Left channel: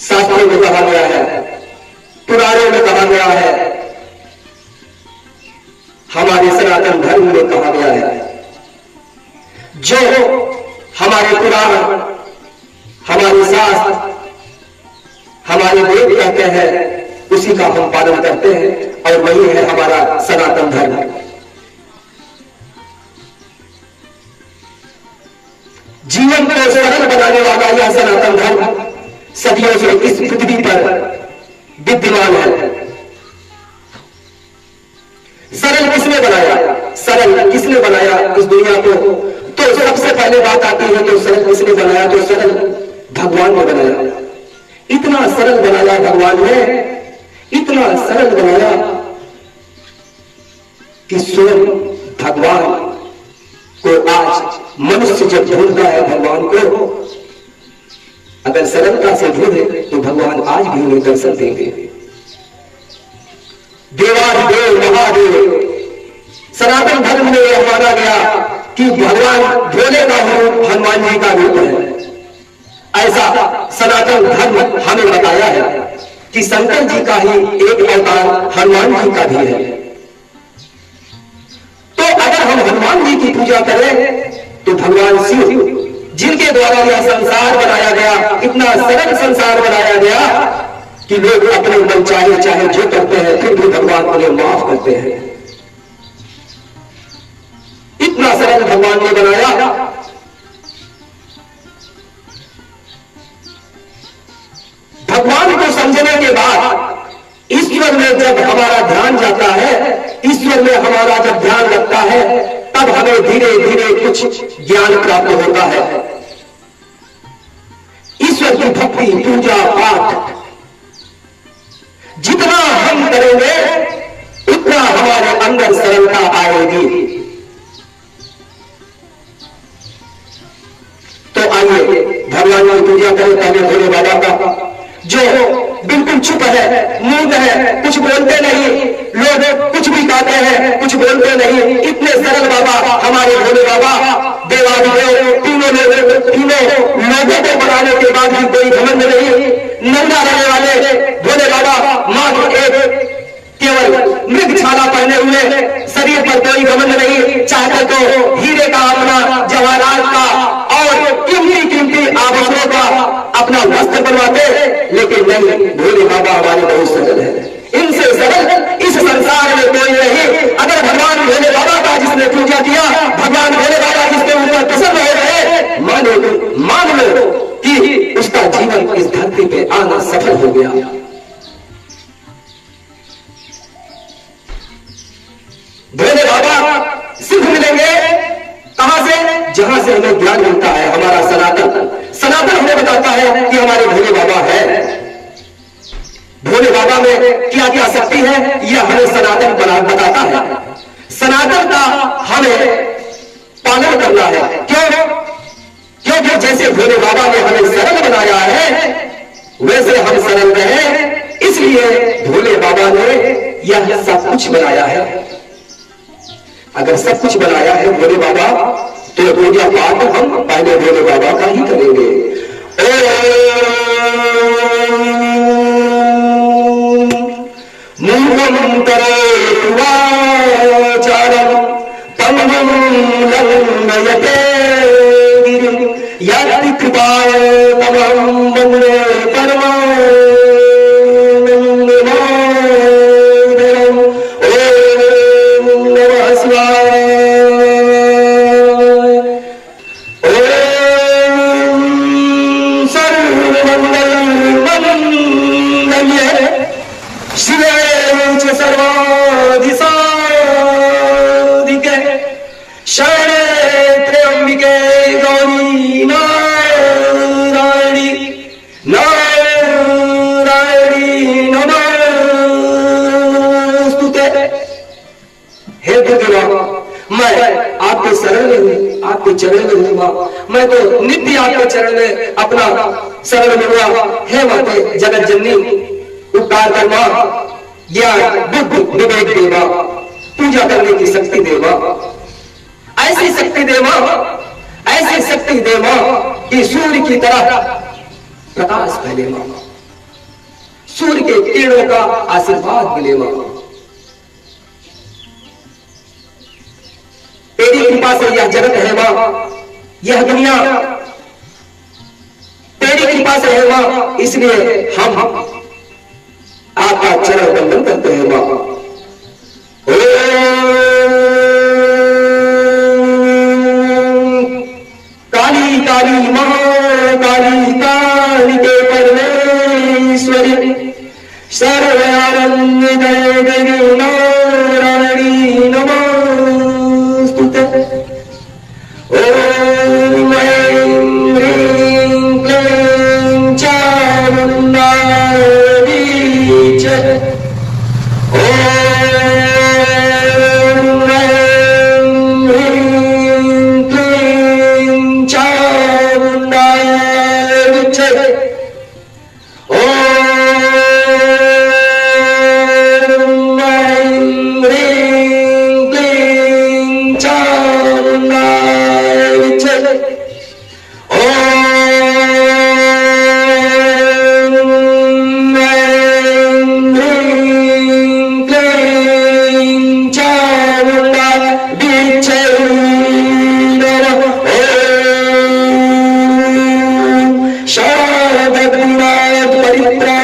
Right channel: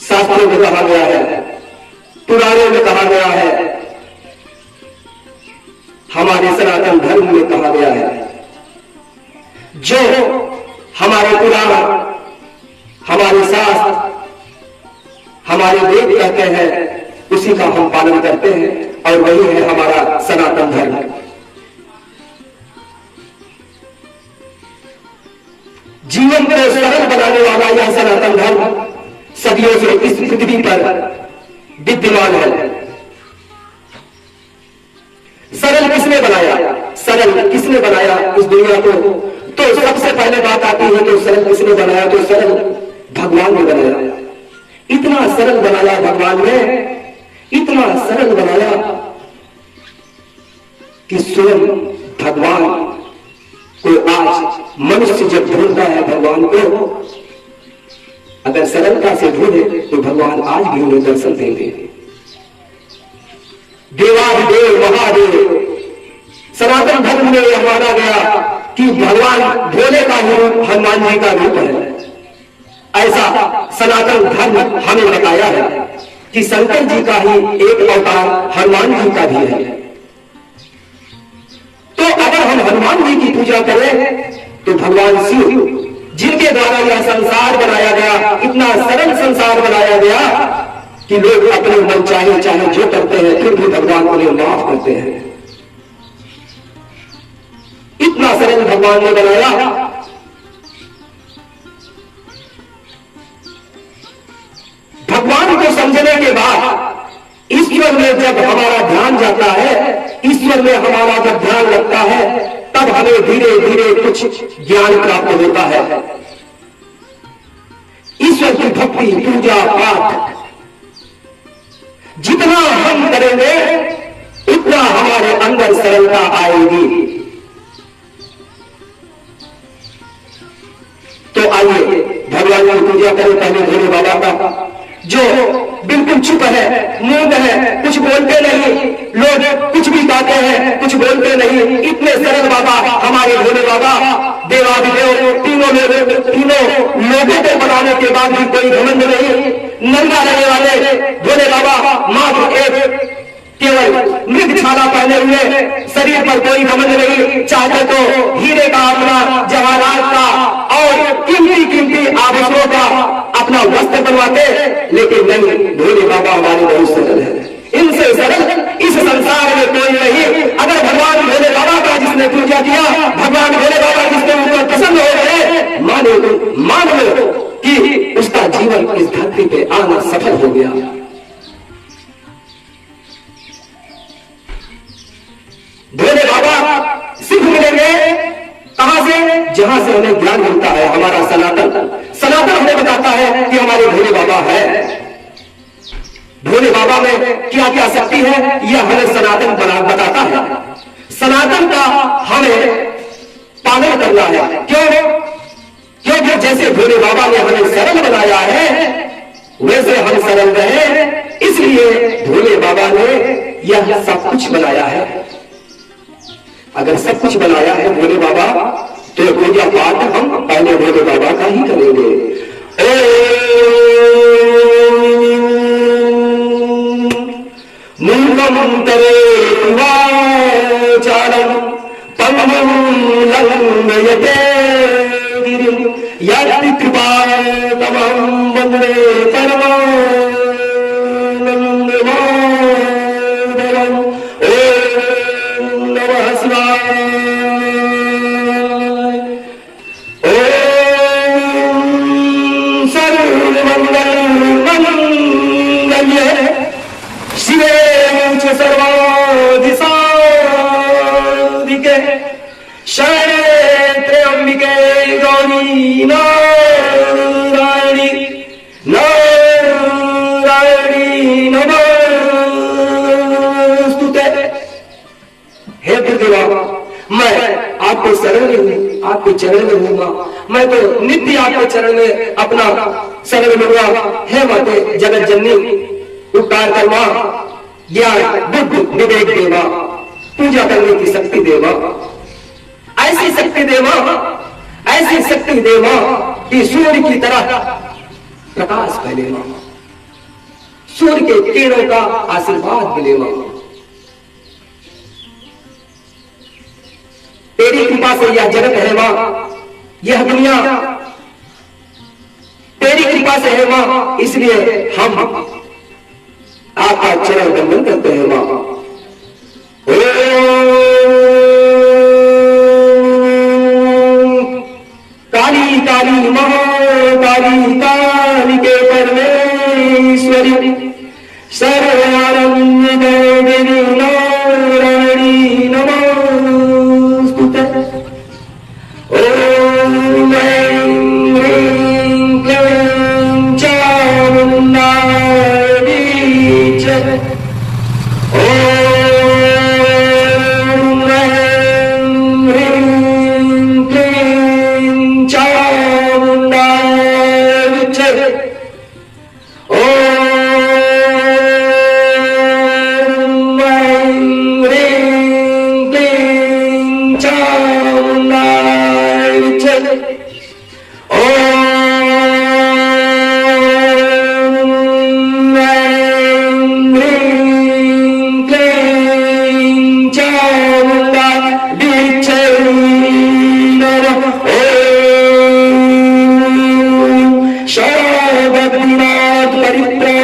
शास्त्रों में कहा गया है, पुराणों में कहा गया है, हमारे सनातन धर्म में कहा गया है। जो हमारे पुराण, हमारे शास्त्र, हमारे वेद कहते हैं उसी का हम पालन करते हैं और वही है हमारा सनातन धर्म। जीवन को सरल बनाने वाला यह सनातन धर्म सदियों से इस पृथ्वी पर विद्यमान है। सरल किसने बनाया? सरल किसने बनाया इस दुनिया को? तो सबसे पहले बात आती है कि सरल किसने बनाया? तो सरल भगवान ने बनाया। इतना सरल बनाया भगवान ने, इतना सरल बनाया कि स्वयं भगवान को आज मनुष्य जब ढूंढता है भगवान को, अगर सरलता से ढूंढे तो भगवान आज भी उन्हें दर्शन देंगे। देवाधिदेव महादेव सनातन धर्म में यह माना गया कि भगवान भोले का रूप हनुमान जी का रूप है। ऐसा सनातन धर्म हमें बताया है कि शंकर जी का ही एक अवतार हनुमान जी का भी है। तो अगर हम हनुमान जी की पूजा करें तो भगवान शिव जिनके द्वारा यह संसार बनाया गया, इतना सरल संसार बनाया गया कि लोग अपने मन चाहे चाहे जो करते हैं फिर भी भगवान उन्हें माफ करते हैं। इतना सरल भगवान ने बनाया। भगवान को समझने के बाद ईश्वर में जब हमारा ध्यान जाता है, ईश्वर में हमारा जब ध्यान लगता है, तब हमें धीरे धीरे कुछ ज्ञान प्राप्त होता है। ईश्वर की भक्ति, पूजा पाठ जितना हम करेंगे उतना हमारे अंदर सरलता आएगी। तो आइए भगवान की पूजा करें। पहले भोले बाबा का जो बिल्कुल चुप है, मूड है, कुछ बोलते नहीं, लोग कुछ भी गाते हैं, कुछ बोलते नहीं, इतने सरल बाबा हमारे भोले बाबा देवाधिदेव तीनों लोगों को बनाने के बाद भी कोई घमंड नहीं। नंगा रहने वाले भोले बाबा मात्र एक केवल मृग छाला पहने हुए, शरीर पर कोई घमंड नहीं। चाहते तो हीरे का, अपना जवाहरात का और कीमती आभूषणों का अपना वस्त्र बनवाते, लेकिन नहीं, भोले बाबा हमारे बहुत सरल है। इनसे सरल इस संसार में कोई नहीं। अगर भगवान भोले बाबा का जिसने पूजा किया, भगवान भोले बाबा जिसके ऊपर प्रसन्न हो रहे, मान लो कि उसका जीवन इस धरती पे आना सफल हो गया। भोले बाबा सिर्फ मिलेंगे कहां से? जहां से हमें ज्ञान मिलता है। हमारा सनातन हमें बताता है कि हमारे भोले बाबा है। भोले बाबा में क्या क्या शक्ति है यह हमें सनातन बताता है। सनातन का हमें पालन करना है। क्योंकि जैसे भोले बाबा ने हमें सरल बनाया है वैसे हम सरल रहे, इसलिए भोले बाबा ने यह सब कुछ बनाया है। अगर सब कुछ बनाया है भोले बाबा, तो पूजा पाठ हम पहले भोले बाबा का ही करेंगे। मूलम करे वाचारम तमं लंघयते गिरिं यत् कृपाय तमं वन्दे परमानन्दं। ओम नमः शिवाय। मैं आपके शरण में हूँ, आपके चरण में हूँ माँ। मैं तो नित्य आपके चरण में अपना शरण लूंगा। हे माते जगत जननी, उपकार कर माँ, ज्ञान बुद्धि विवेक देवा, पूजा करने की शक्ति देवा, ऐसी शक्ति देवा, ऐसी शक्ति देवा कि सूर्य की तरह प्रकाश फैले माँ। सूर्य के किरणों का आशीर्वाद मिले मां। तेरी कृपा से यह जगत है मां, यह दुनिया तेरी कृपा से है मां, इसलिए हम आपका चरण वंदन करते हैं मां। काली काली महाकाली कालिके परमेश्वरी सर्वानंद देवी नारायणी नमोस्तुते। ओम ऐं ह्रीं क्लीं चामुण्डायै च। ओम ऐं ह्रीं क्लीं चामुण्डायै च। ओम ऐं ह्रीं क्लीं चामुण्डायै च। ओम ऐं ह्रीं क्लीं चामुण्डायै च नमः। ओम सर्वभूतानां परित्राणाय